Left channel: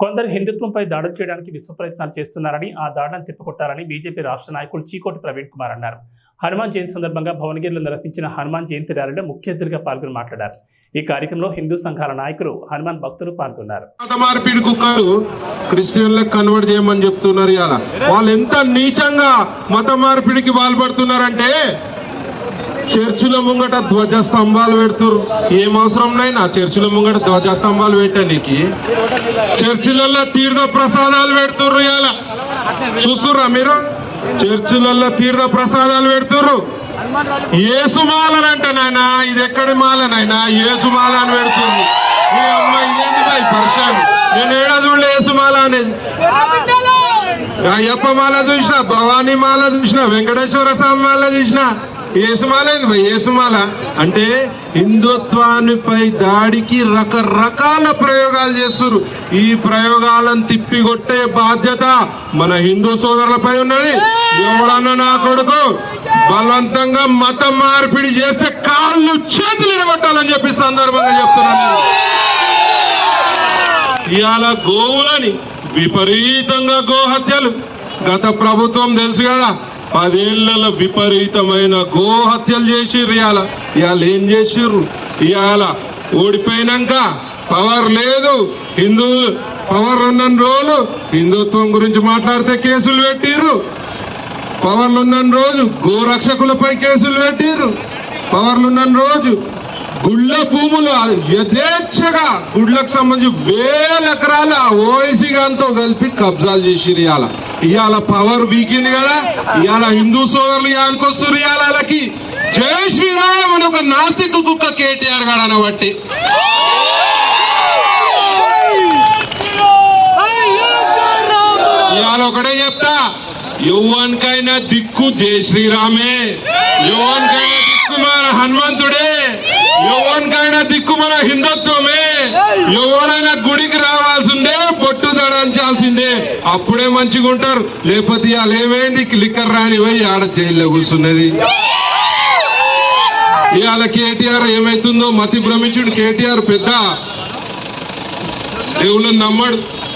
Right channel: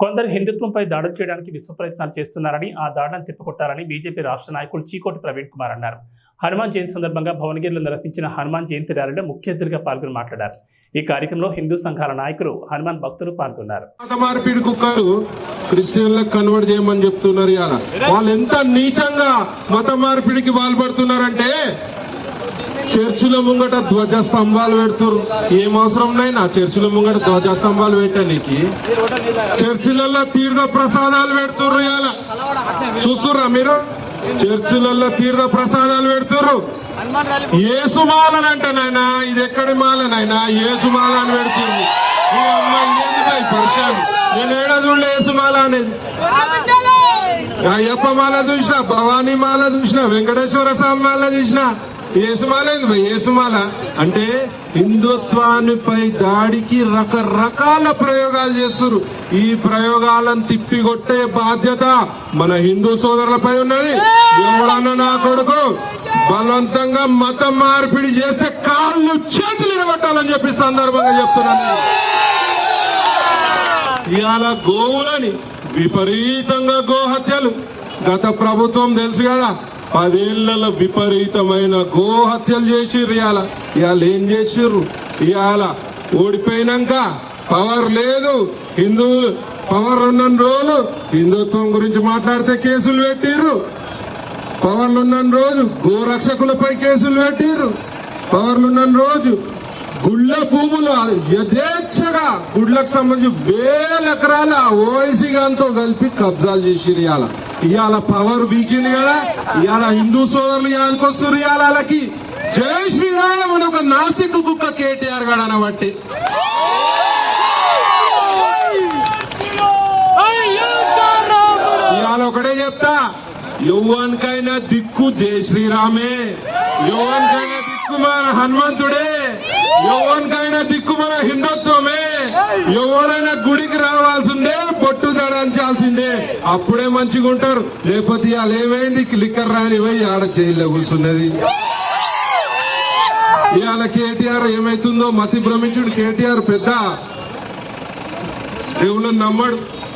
కొందరు హిందుత్వంపై దాడులు చేయడానికి విశ్వ ప్రయత్నాలు చేస్తున్నారని ఆ దాడులను తిప్పికొట్టాలని బీజేపీ రాష్ట్ర నాయకులు చీకోటి ప్రవీణ్ కుమార్ అన్నారు. హనుమాన్ జయంతి సందర్భంగా భువనగిరిలో నిర్వహించిన హనుమాన్ జయంతి ర్యాలీలో ముఖ్య అతిథిగా పాల్గొని మాట్లాడారు. ఈ కార్యక్రమంలో హిందూ సంఘాల నాయకులు హనుమాన్ భక్తులు పాల్గొన్నారు. మత మార్పిడి కుక్కలు క్రిస్టియన్లకు కన్వర్ట్ చేయమని చెప్తున్నారు వాళ్ళు ఎంత నీచంగా మత మార్పిడికి పాల్పడుతున్నారంటే చర్చిల ముంగట ధ్వజ స్తంభాలు పెడుతురు. ఏం అవసరంనైనా చర్చిల ముంగట ధ్వజ స్తంభాలు పెట్టడానికి చర్చిలలో తీర్థ ప్రసాదాలు పెడుతుర్రు ఇవాళ చూస్తుర్రా మీరు? చర్చిలలో తీర్థ ప్రసాదాలు పెడుతుర్రు. ఏసుమాలనంట నాయన. ఇది ఎక్కడి మాలనైనా ఏసుమాల అని పెడుతుంది మీ అమ్మ ఇదేంటి బాయ్ పర్షాన్ నేను ఏడా చూడలే ఏసుమాల అనేది? అయ్యప్ప మాల చూసిన భవానీ మాల చూసిన వెంకటేశ్వర స్వామి మాల చూసిన ఏసుమాలేదు భయ్ ఏసుమాల. అంటే హిందుత్వానిపై దాడికి రకరకాల ప్రయోగాలు చేస్తున్నారు. ఈ ప్రయోగాలను తిప్పికొట్టే బాధ్యత మన హిందూ సోదరులపై ఉన్నది. ఎవడన్నా నా కొడుకు బలవంతంగా మత మార్పిడి చేస్తే కాళ్ళు చేతులు నిలబట్టాలని చెప్పి సందర్భంగా చెప్తున్నాను. ఇవాళ గోవులని విపరీతంగా గోహత్యలు. గత ప్రభుత్వం తెలుసు కదా పదేళ్ళలో విపరీతమైన గోహత్యలు చేసిర్రు ఇవాళ ఇవాళ ఏం చేసిర్రు? ఇవాళ ఓడిపోయినాక పవర్ లేదు. హిందువులు పవర్ ఉన్న రోజు హిందుత్వం గురించి మాట్లాడితే కేసులు పెట్టిర్రు. పవర్లున్న రోజు గోరక్షకులపై కేసులు పెట్టిర్రు. పవర్లున్న రోజు గుళ్ళ భూములు యథేచ్ఛగా గుళ్ళకు సంబంధించి వేల ఎకరాల ఓఎసీ గాంతో కలిపి కబ్జాలు చేసిరు ఇవాళ ఇవాళ పవర్ వీకింది కదా ఇవాళ హిందూ సోదరులు యానికొస్తారు ఇవాళ వాళ్ళకి జై శ్రీరామ్ అని ఒక నాస్తిక కుక్క కేటీఆర్ గారు అనబట్టి. ఇవాళ ఒకటే చెప్తా యువన్కైనా దిక్కు జై శ్రీరామే యువన్ దిక్కు మన హనుమంతుడే యువానికైనా దిక్కు మన హిందుత్వమే. ఎవరైనా గుడికి రావాల్సిందే బొట్టు దడాల్చాల్సిందే అప్పుడే మంచిగా ఉంటారు. లేకపోతే ఇవాళ ఏమైంది లిక్కర్ రాని పోయి ఆడ జైల్లో కూర్చున్నది. ఇవాళ కేటీఆర్ ఏమైతుందో మతి భ్రమించుడు. కేటీఆర్ పెద్ద. దేవుళ్ళని నమ్మడు.